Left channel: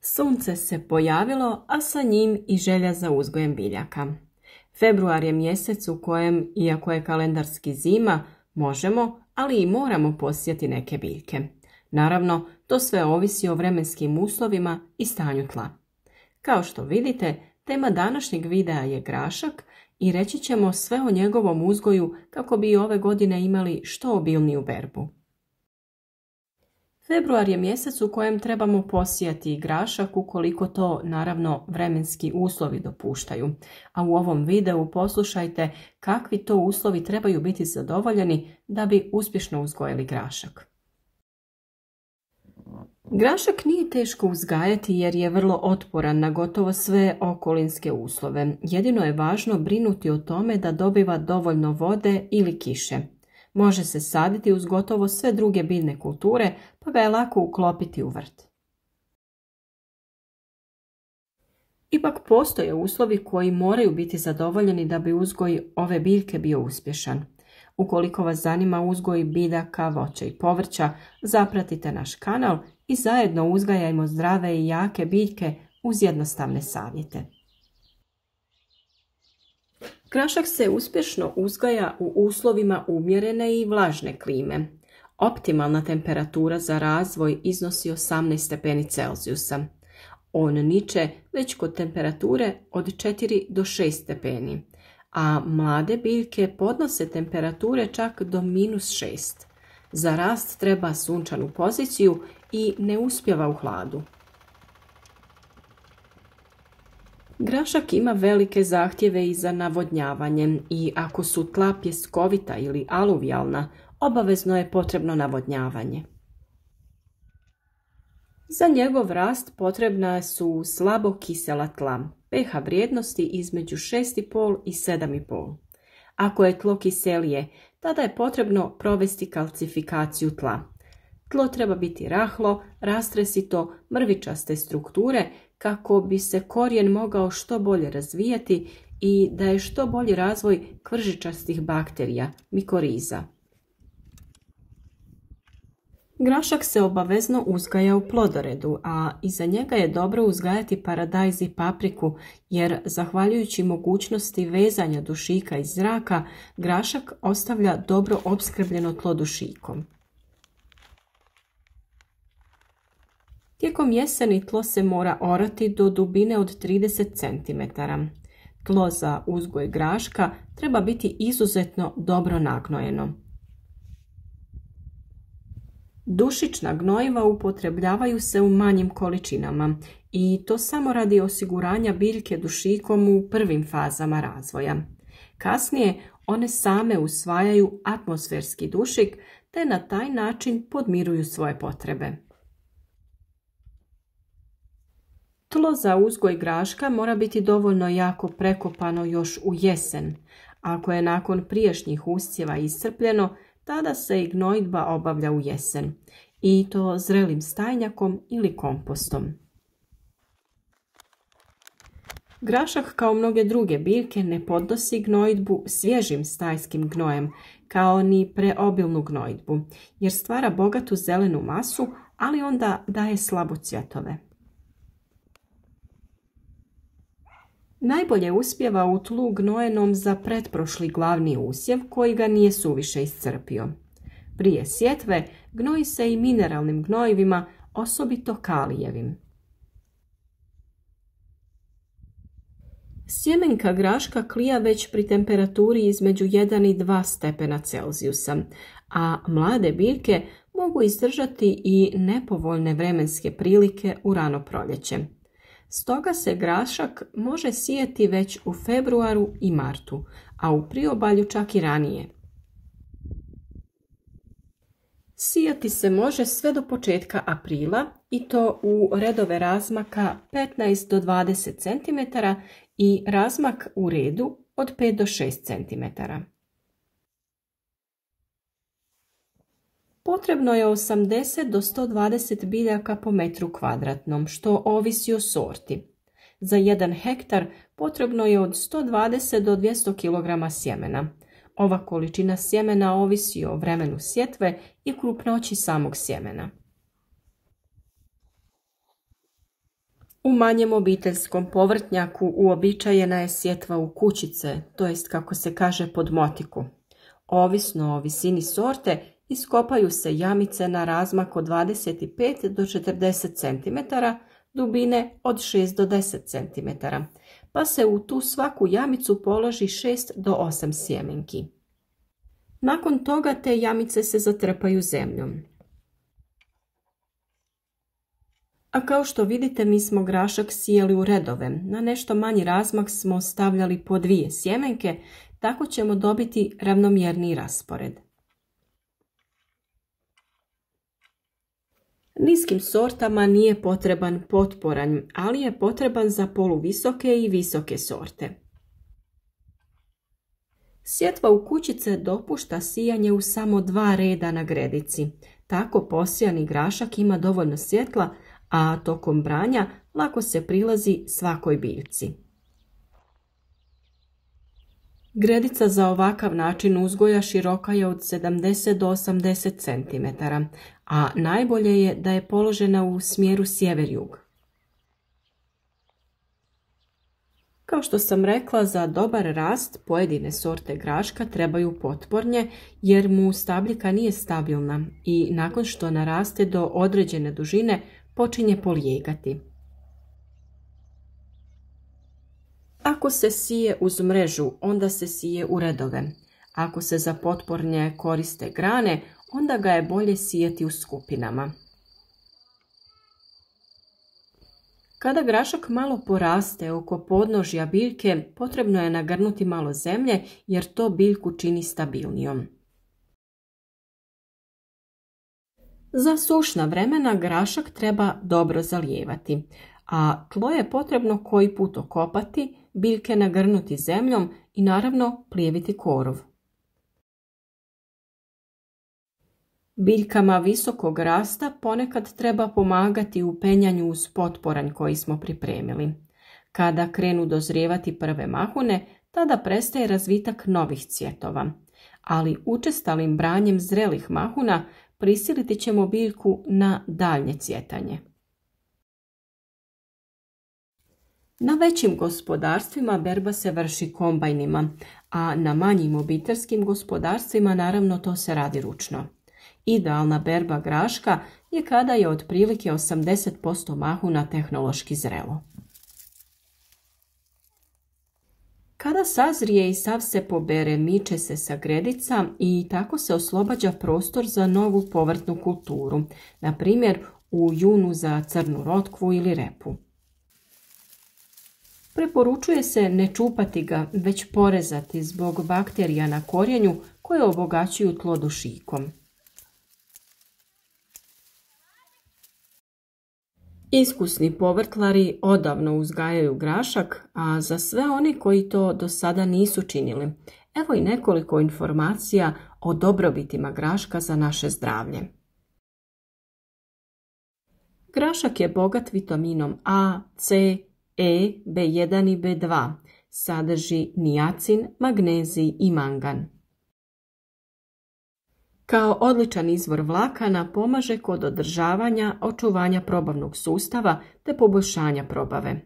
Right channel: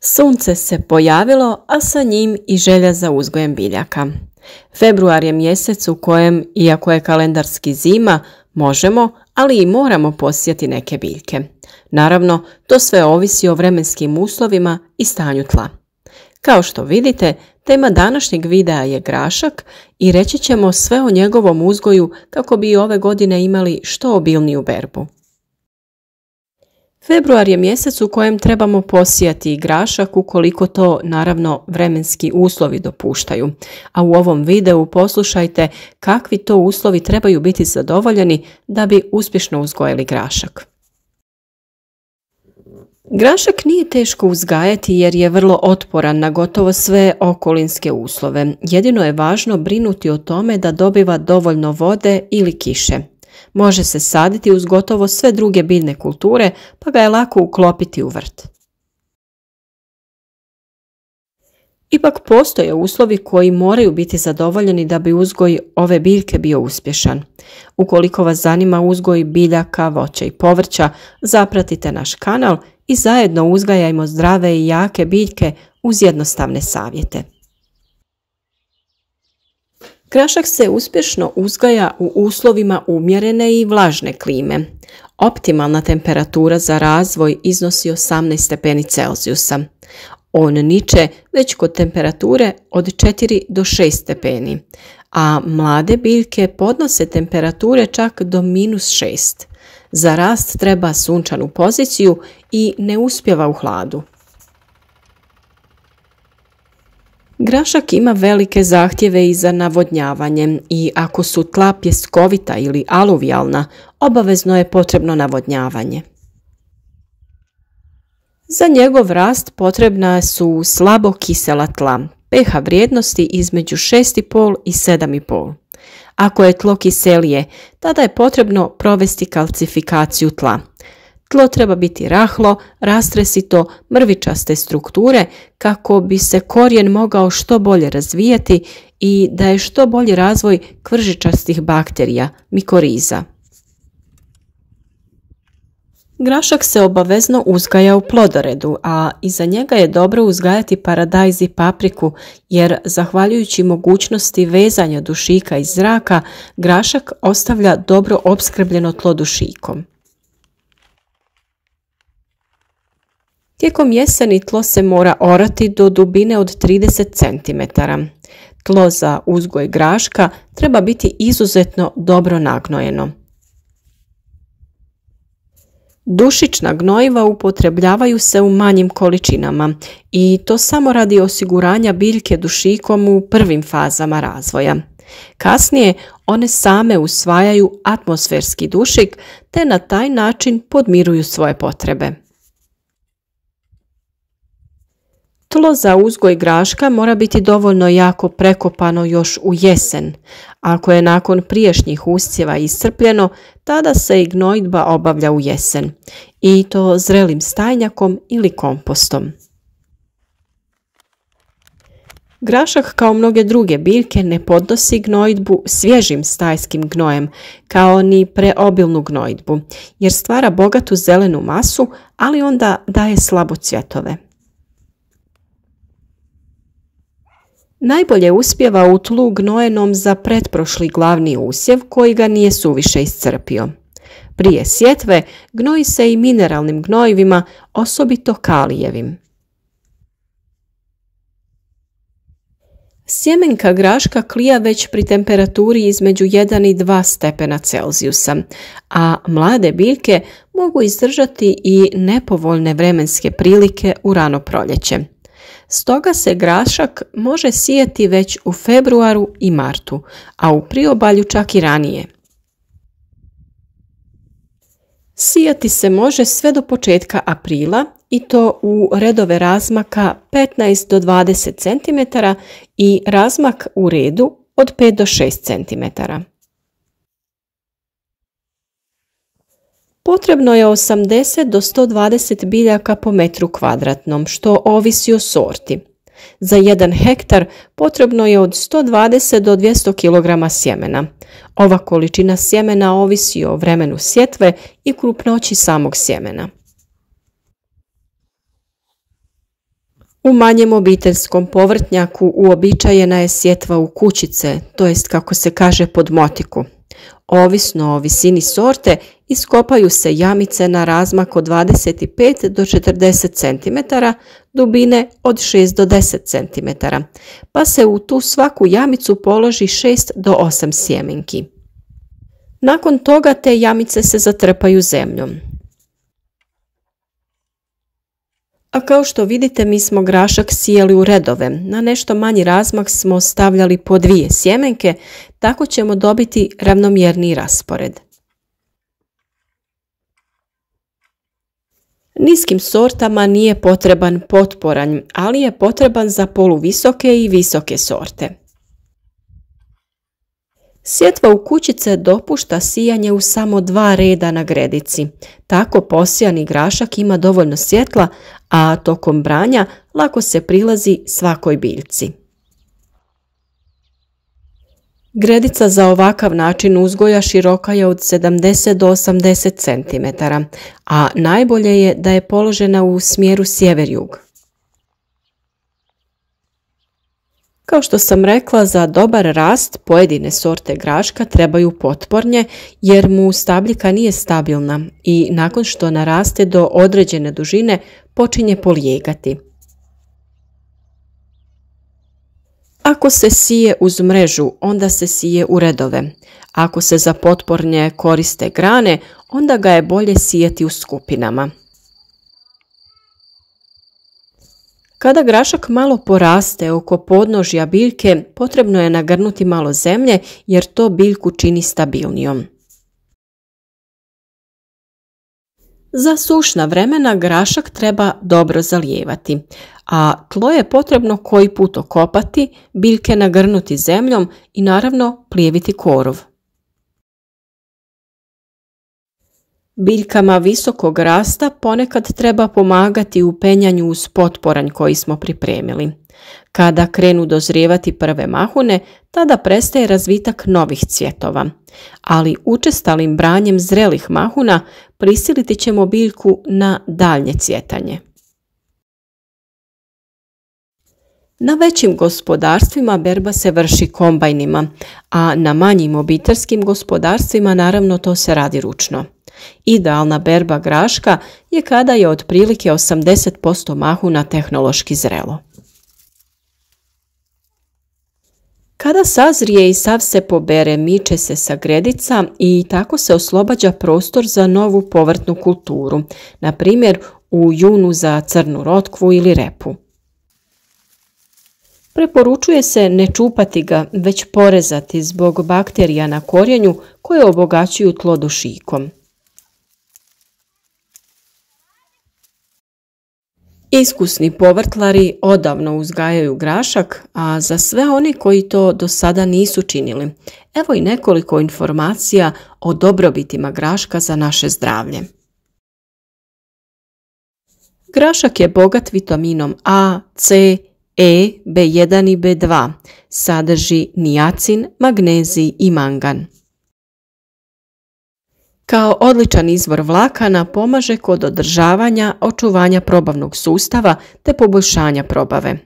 Sunce se pojavilo, a sa njim i želja za uzgojem biljaka. Februar je mjesec u kojem, iako je kalendarski zima, možemo, ali i moramo posijati neke biljke. Naravno, to sve ovisi o vremenskim uslovima i stanju tla. Kao što vidite, tema današnjeg videa je grašak i reći ćemo sve o njegovom uzgoju kako bi ove godine imali što obilniju berbu. Februar je mjesec u kojem trebamo posijati grašak ukoliko to, naravno, vremenski uslovi dopuštaju. A u ovom videu poslušajte kakvi to uslovi trebaju biti zadovoljeni da bi uspješno uzgojili grašak. Grašak nije teško uzgajati jer je vrlo otporan na gotovo sve okolinske uslove. Jedino je važno brinuti o tome da dobiva dovoljno vode ili kiše. Može se saditi uz gotovo sve druge biljne kulture, pa ga je lako uklopiti u vrt. Ipak postoje uslovi koji moraju biti zadovoljeni da bi uzgoj ove biljke bio uspješan. Ukoliko vas zanima uzgoj biljaka, voća i povrća, zapratite naš kanal i zajedno uzgajajmo zdrave i jake biljke uz jednostavne savjete. Grašak se uspješno uzgaja u uslovima umjerene i vlažne klime. Optimalna temperatura za razvoj iznosi 18 stepeni Celzijusa. On niče već kod temperature od 4 do 6 stepeni, a mlade biljke podnose temperature čak do -6. Za rast treba sunčanu poziciju i ne uspijeva u hladu. Grašak ima velike zahtjeve i za navodnjavanje i ako su tla pjeskovita ili aluvijalna, obavezno je potrebno navodnjavanje. Za njegov rast potrebna su slabo kisela tla, pH vrijednosti između 6,5 i 7,5. Ako je tlo kiselije, tada je potrebno provesti kalcifikaciju tla. Tlo treba biti rahlo, rastresito, mrvičaste strukture kako bi se korijen mogao što bolje razvijati i da je što bolji razvoj kvržičastih bakterija, mikoriza. Grašak se obavezno uzgaja u plodoredu, a iza njega je dobro uzgajati paradajz i papriku jer zahvaljujući mogućnosti vezanja dušika iz zraka, grašak ostavlja dobro opskrbljeno tlo dušikom. Tijekom jeseni tlo se mora orati do dubine od 30 cm. Tlo za uzgoj graška treba biti izuzetno dobro nagnojeno. Dušična gnojiva upotrebljavaju se u manjim količinama i to samo radi osiguranja biljke dušikom u prvim fazama razvoja. Kasnije one same usvajaju atmosferski dušik te na taj način podmiruju svoje potrebe. Tlo za uzgoj graška mora biti dovoljno jako prekopano još u jesen. Ako je nakon prijašnjih usjeva iscrpljeno, tada se i gnojidba obavlja u jesen, i to zrelim stajnjakom ili kompostom. Grašak, kao mnoge druge biljke, ne podnosi gnojidbu svježim stajskim gnojem, kao ni preobilnu gnojidbu, jer stvara bogatu zelenu masu, ali onda daje slabo cvjetove. Najbolje uspijeva u tlu gnojenom za pretprošli glavni usjev koji ga nije suviše iscrpio. Prije sjetve gnoji se i mineralnim gnojivima, osobito kalijevim. Sjemenka graška klija već pri temperaturi između 1 i 2 stepena Celzijusa, a mlade biljke mogu izdržati i nepovoljne vremenske prilike u rano proljeće. Stoga se grašak može sijati već u februaru i martu, a u priobalju čak i ranije. Sijati se može sve do početka aprila i to u redove razmaka 15 do 20 cm i razmak u redu od 5 do 6 cm. Potrebno je 80 do 120 biljaka po metru kvadratnom, što ovisi o sorti. Za 1 hektar potrebno je od 120 do 200 kg sjemena. Ova količina sjemena ovisi o vremenu sjetve i krupnoći samog sjemena. U manjem obiteljskom povrtnjaku uobičajena je sjetva u kućice, to jest kako se kaže pod motiku. Ovisno o visini sorte iskopaju se jamice na razmak od 25 do 40 cm, dubine od 6 do 10 cm, pa se u tu svaku jamicu položi 6 do 8 sjemenki. Nakon toga te jamice se zatrpaju zemljom. A kao što vidite, mi smo grašak sijali u redove. Na nešto manji razmak smo stavljali po 2 sjemenke, tako ćemo dobiti ravnomjerniji raspored. Niskim sortama nije potreban potporanj, ali je potreban za poluvisoke i visoke sorte. Sjetva u kućice dopušta sijanje u samo 2 reda na gredici. Tako posijani grašak ima dovoljno svjetla, a tokom branja lako se prilazi svakoj biljci. Gredica za ovakav način uzgoja široka je od 70 do 80 cm, a najbolje je da je položena u smjeru sjever-jug. Kao što sam rekla, za dobar rast pojedine sorte graška trebaju potpornje jer mu stabljika nije stabilna i nakon što naraste do određene dužine počinje polijegati. Ako se sije uz mrežu, onda se sije u redove. Ako se za potpornje koriste grane, onda ga je bolje sijeti u skupinama. Kada grašak malo poraste oko podnožja biljke, potrebno je nagrnuti malo zemlje jer to biljku čini stabilnijom. Za sušna vremena grašak treba dobro zalijevati, a tlo je potrebno koji put okopati, biljke nagrnuti zemljom i naravno plijeviti korov. Biljkama visokog rasta ponekad treba pomagati u penjanju uz potporanj koji smo pripremili. Kada krenu dozrijevati prve mahune, tada prestaje razvitak novih cvjetova, ali učestalim branjem zrelih mahuna prisiliti ćemo biljku na daljnje cvjetanje. Na većim gospodarstvima berba se vrši kombajnima, a na manjim obiteljskim gospodarstvima naravno to se radi ručno. Idealna berba graška je kada je otprilike 80% mahuna tehnološki zrelo. Kada sazrije i sav se pobere, miče se sa gredica i tako se oslobađa prostor za novu povrtnu kulturu, na primjer u junu za crnu rotkvu ili repu. Preporučuje se ne čupati ga, već porezati zbog bakterija na korijenju koje obogaćuju tlo dušikom. Iskusni povrtlari odavno uzgajaju grašak, a za sve oni koji to do sada nisu činili, evo i nekoliko informacija o dobrobitima graška za naše zdravlje. Grašak je bogat vitaminom A, C, E, B1 i B2, sadrži niacin, magnezij i mangan. Kao odličan izvor vlakana pomaže kod održavanja, očuvanja probavnog sustava te poboljšanja probave.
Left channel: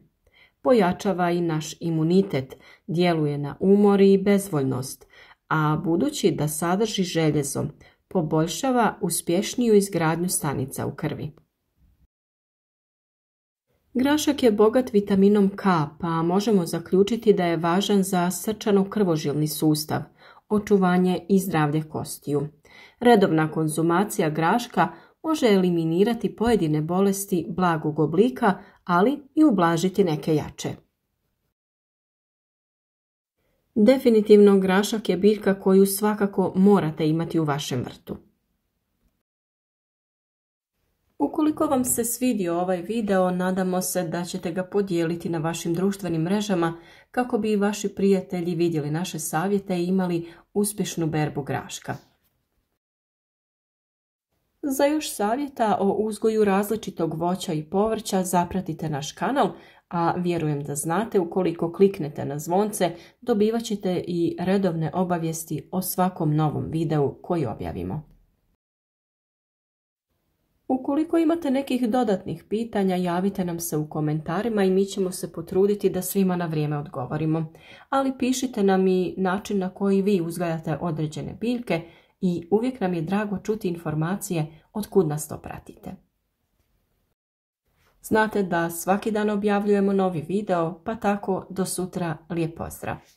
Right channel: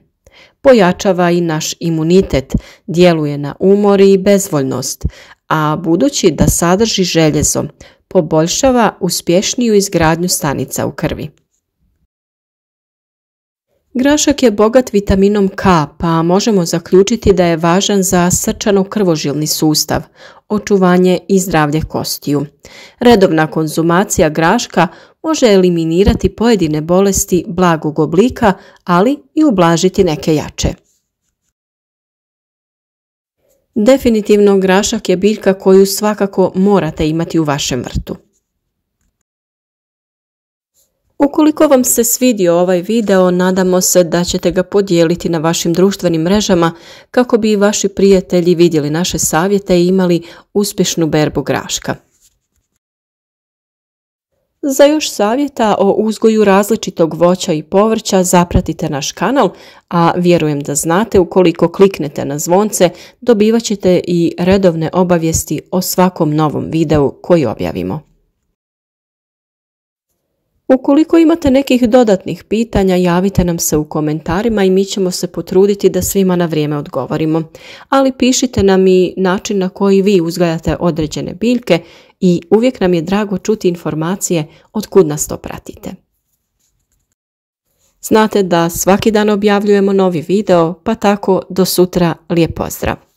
Pojačava i naš imunitet, djeluje na umor i bezvoljnost, a budući da sadrži željezo, poboljšava uspješniju izgradnju stanica u krvi. Grašak je bogat vitaminom K, pa možemo zaključiti da je važan za srčano-krvožilni sustav, očuvanje i zdravlje kostiju. Redovna konzumacija graška može eliminirati pojedine bolesti blagog oblika, ali i ublažiti neke jače. Definitivno grašak je biljka koju svakako morate imati u vašem vrtu. Ukoliko vam se svidio ovaj video, nadamo se da ćete ga podijeliti na vašim društvenim mrežama kako bi i vaši prijatelji vidjeli naše savjete i imali uspješnu berbu graška. Za još savjeta o uzgoju različitog voća i povrća zapratite naš kanal, a vjerujem da znate, ukoliko kliknete na zvonce dobivat ćete i redovne obavijesti o svakom novom videu koji objavimo. Ukoliko imate nekih dodatnih pitanja, javite nam se u komentarima i mi ćemo se potruditi da svima na vrijeme odgovorimo. Ali pišite nam i način na koji vi uzgajate određene biljke i uvijek nam je drago čuti informacije od kud nas to pratite. Znate da svaki dan objavljujemo novi video, pa tako do sutra lijep pozdrav!